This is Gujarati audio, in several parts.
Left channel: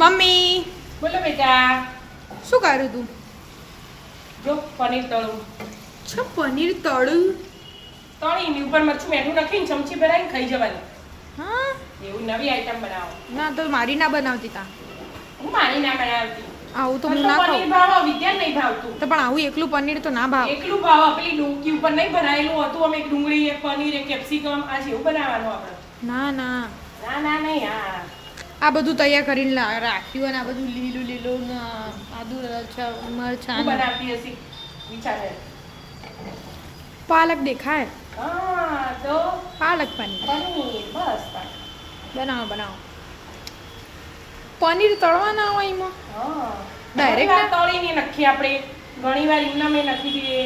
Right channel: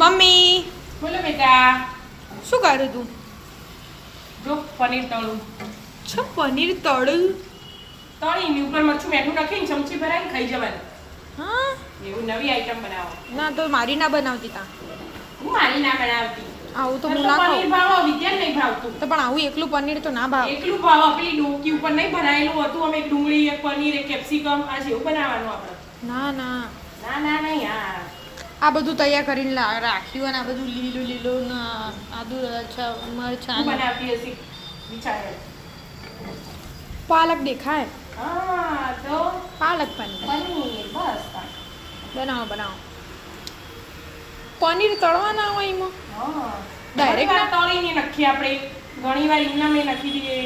મમ્મી બોલો બેટા. શું કર્યું તું? જો પનીર તળું. છે પનીર તળું? તળીની ઉપર મરચું મીઠું નાખીને ચમચી ભરાઈને ખાઈ જવાનું. હા એવું નવી આઈટમ બનાવો. ના તો મારી ના બનાવતી તા. હું મારી ના બનાવતી. આવું તો પણ હું તો ના પનીર ખાઉં. ભાવ વિદ્યા નહીં ભાવતું. તો પણ આવું એકલું પનીર તો ના ભાવે. એકલું ભાવ પેલી ડોંકી ઉપર નહીં બનાવેલું હતું. અમે એક ડુંગળી એક પનીર એક કેપ્સિકમ આ જેવું બનાવવાનું આપણે. ના ના ના ના નહીં હા. આ બધું તૈયાર કરીને રાખ્યું અને આ બધું લીલું લીલું ના આદુ મરચાં હું બનાવતી હશી વિચારે. પાલક દેખાય. હા તો પાલક પનીર પનીર બસ. બનાવો બનાવો. પનીર તળવા ના હોય એમાં હા Direct ઘણીવાર તળીને નાખીએ આપણે. ઘણીવાર એમના મેં નાખી દઈએ.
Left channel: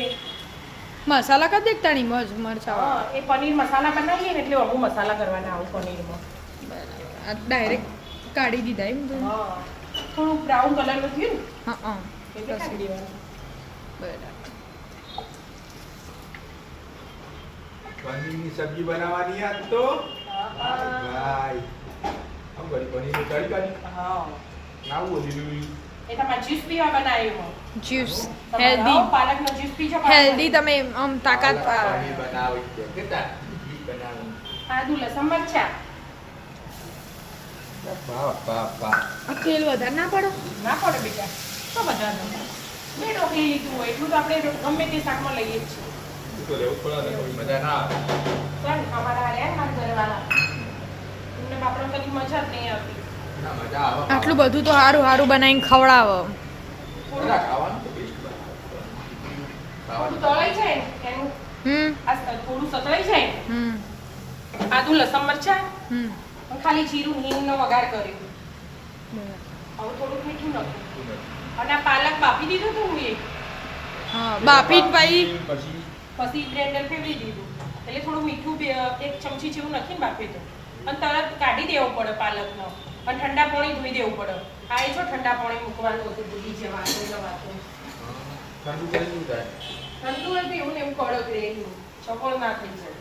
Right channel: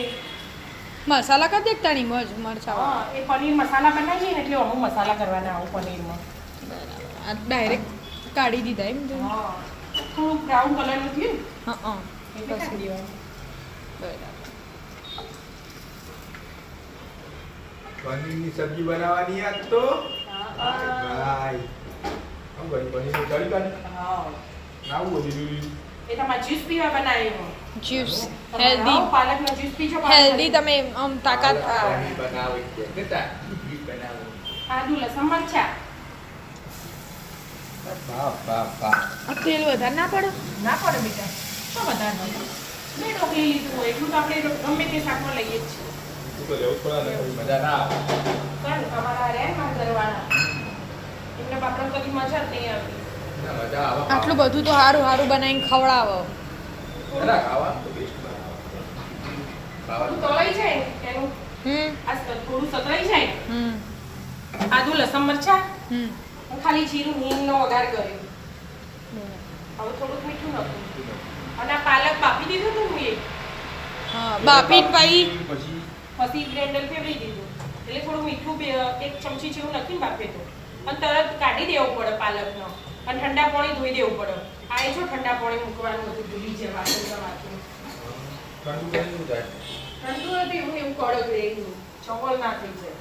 મસાલા કરી દેખતા નહીં મરચાં હા એ પનીર મસાલા બનાવીએ ને એટલે અમુક મસાલા કરવાના આવું પનીરમાં. બરાબર આ ડાયરેક્ટ કાઢી દીધા એમ તો. હા થોડું બ્રાઉન કલરનું થયું ને હા હા એટલે કાઢી દેવાનું. બરાબર પનીરની સબ્જી બનાવવાની આજ તો ભાઈ આમ બડી પનીરની તળી કાઢી હા નાવું બધું એ તમારે જ્યુસ પીવા બનાવ્યું. જ્યુસ તમે હેલ્ધી લાવો પાલકનો જ્યુસ પીજો. હેલ્ધી તમે આમ તાકાત પનીર બનાવી છે કેતા ઘી બનાવું આદુ લસણ મરચા. બાપ બાપ બાપ આ તેલ વધારે ના પડે. ના પડે બેટા શું વધારનું. મેં ઢોકળી લીધું હોય એટલું તો આપણે ગમે તે શાકમાં લઈએ જ છીએ. તું તો લેવું જ પડે ને કોઈ મજા ના આવે પણ અમારા રહ્યા મારા ઘરવાળા એમને બાપરા કદી મજા જ નહીં આવતી. ના મજા આવે આટલું બધું તો સારું સારું બનાવીને ખવડાવો. થોડા ખાવાનું તો બેસ્ટ બનાવો થોડું ખાવાનું તળાઈ જાય ને એનું આ થોડું સતળાઈ જાય ને આદુ લસણ મરચા ખાલી જીરું હિંગનો વઘાર કર્યો. હવે થોડુંક મીઠું નાખું અને આ પાલક બાફી દીધું હતું મેં. હા બાફી પાઈ પછી પછી ગ્રાઇન્ડર ફેરવી દીધું એટલે થોડું મીઠું એક ચમચી જેવું નાખીને બાફી દઉં અને તરત કાઢી દેવો પડે પાલકનો અને ઠંડા પાણી ધોઈ દેવું પડે. આ એ જો ઠંડા પાણી મૂકવાનું બધું ભૂલી જાય વાસણ ઠંડુ કરી શું થાય ઠંડુ હતું એવું ને એવું કડક રહેલું ચપળ ના થઈ જાય.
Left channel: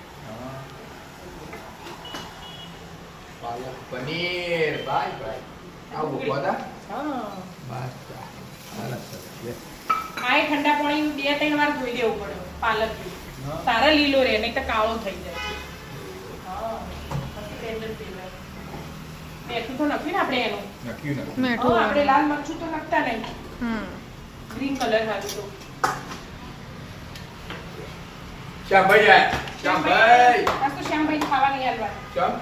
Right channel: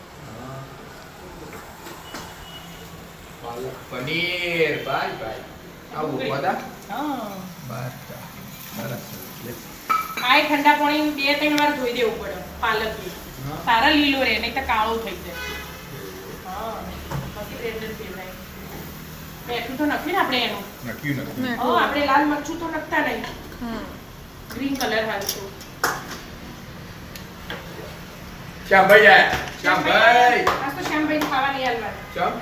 પાલક પનીર ભાઈ ભાઈ આવું કોદા હા બસ આ એ ઠંડા પાણી 2-3 વાર ધોઈ દેવું પડે પાલક બી. તારા લીલો રહે નહીં તો કાળો થઈ જાય. હા પછી ગ્રાઇન્ડર ફેરવાય. મેઠું તો નથી ને આપણે એનું. નક્કી નથી મીઠું આપણે લાલ મરચું તો નાખતા નહીં. ગ્રીન કલર હાલ તો શ્યામભાઈ જાય શ્યામભાઈ આજ તો શ્યામભાઈ ખાવા નહીં હાલવાના. ચમ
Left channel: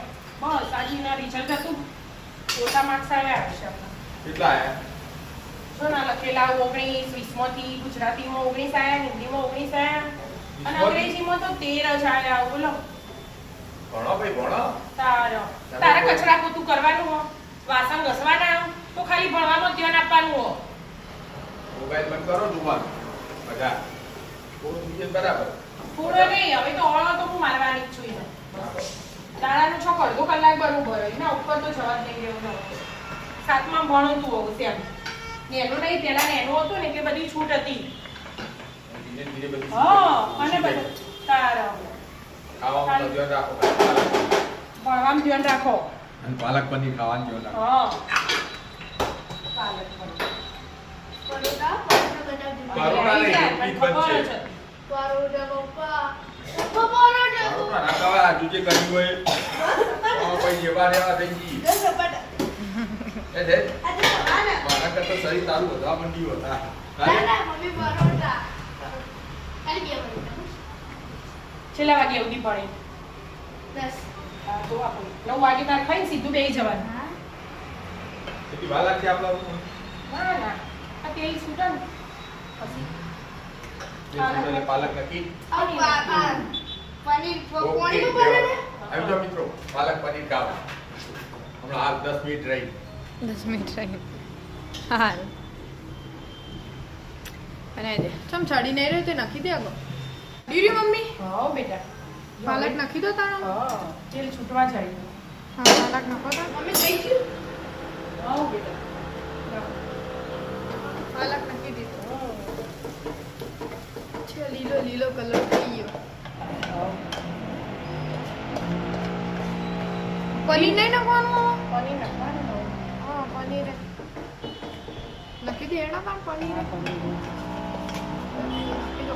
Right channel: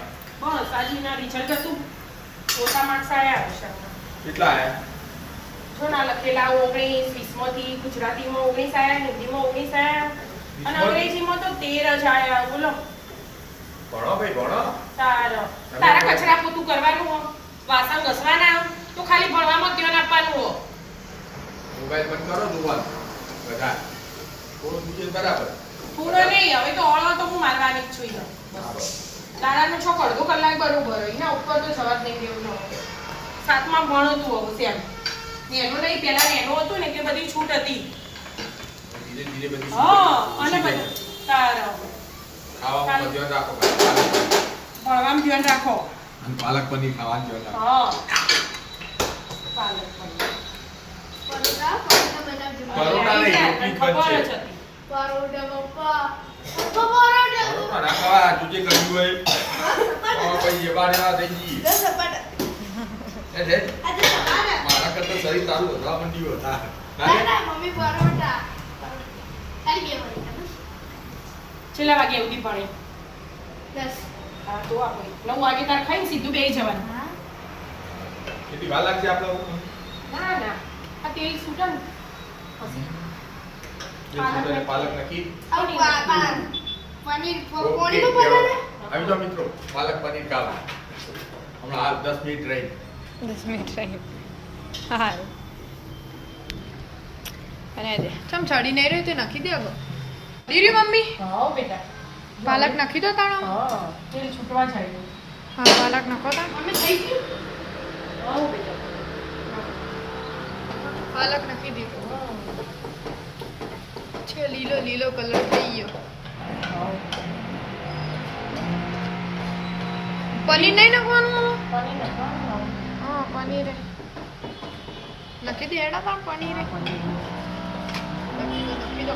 બસ આજે એના રિઝલ્ટ હતું ઓછા માર્ક્સ આવ્યા શ્યામના. કેટલા આયા જો ના લખેલા 19 20માંથી ગુજરાતીમાં 19 આવ્યા હિન્દીમાં 19 આવ્યા અને અંગ્રેજીમાં તો 13 જ આવ્યા. બોલો ભણો ભાઈ ભણો તારા કચરા પોતું કરવાનું હો વાસણ ઘસવાના તો ખાલી ભણવામાં ધ્યાન આપવાનું હો. મોબાઈલ બંધ કરો જોવાનું બધા થોડું બીજે બરાબર પૂરો નહીં હવે તો ઓળો તો હું મારવાની જ છું ઈ તો. દાડાનો છોક અડધો કલાક બરોબર એના ઉપર તો જવા જ નહીં દેવું ન હોય. સાતમાં ભણતું હોવું તેમ એનો નહીં પેલા એનો હતું ને કે બધી છૂટ હતી. ધીરે ધીરે બધી હા અને બધું તારો ખાવામાં ધ્યાન રાખો ભણવામાં ધ્યાન રાખો. અને પાલક પનીર ખાવાનું ધ્યાન રાખો હા પાલક પનીર. પરોઠા નહીં રોટલી જ ખબર જ બનશે હતી. પરોઠા ના ખાવા તું જે કર્યું હોય પછી જેવા રેવા થઈ ગઈ એ લે મારા કરતા શરીર તારું વધવા માંડ્યું હતા છેલ્લા વાગે સુધી ભણે. હા તો આપણે 9 વાગે તાર ખાઈને સીધું બેસી જવાનું. કેટલી વાર લાગશે આપણા ના ના આ તેલ છૂટે ને પછી પાલક નાખી પનીર આવી જાઓ મિત્રો પાલક પનીર ખાવા હમણાં હાલ 10 મિનિટ રહી 10 મિનિટ રહી. હા અને દે ચમ ચડી નહીં રહ્યું તે નાખી દે આગળ દીરી મમ્મી હા બેટા પાલક નાખી દો તાણા. હા તેલ છૂટવા જાય. હા પાલક નાખો તાણ. મમ્મી થઈ ગયું. હા બેટા પાલક નાખી દીધો છે લીલો લીલો કલર થઈ ગયો. પનીર નહીં નાખવાનું પનીર નાખવાનું. હા પનીર નક્કી દેડા તા પનીર નક્કી દો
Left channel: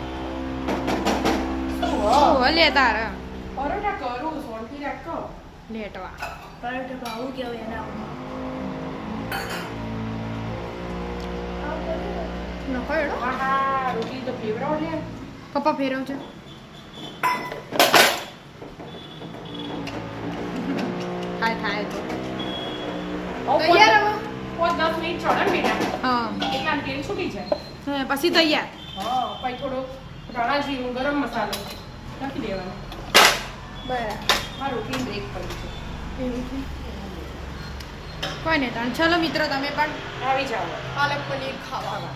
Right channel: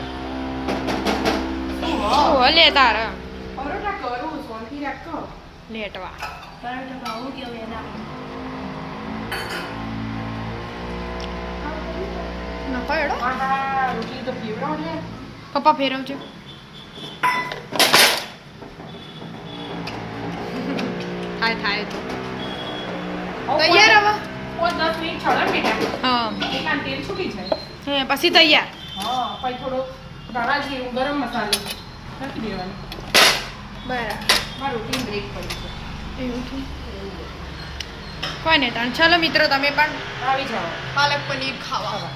ઓ લે તારા પરોઠા કરું સોનથી રાખો લેટવા નકો એડો આહા રોટલી તો પીવડાવો લે પપ્પા ફેરવજો થાય તો તૈયાર હવે 5-10 મિનિટ છોડો બેટા હા એટલા તેલ છૂટી જાય હે પછી તૈયાર હા પછી થોડો ધાણા જીરું ગરમ મસાલો નાખી દેવાનો બરાબર મારું રૂટીન બ્રેક પડી છે એવું છે કોઈ નહીં તાણ ચલો મિત્રો તમે પણ આવી જાઓ પાલક પનીર ખાવા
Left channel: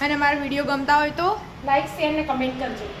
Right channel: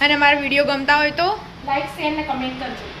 અને મારા વિડીયો ગમતા હોય તો લાઈક શેર ને કમેન્ટ કરજો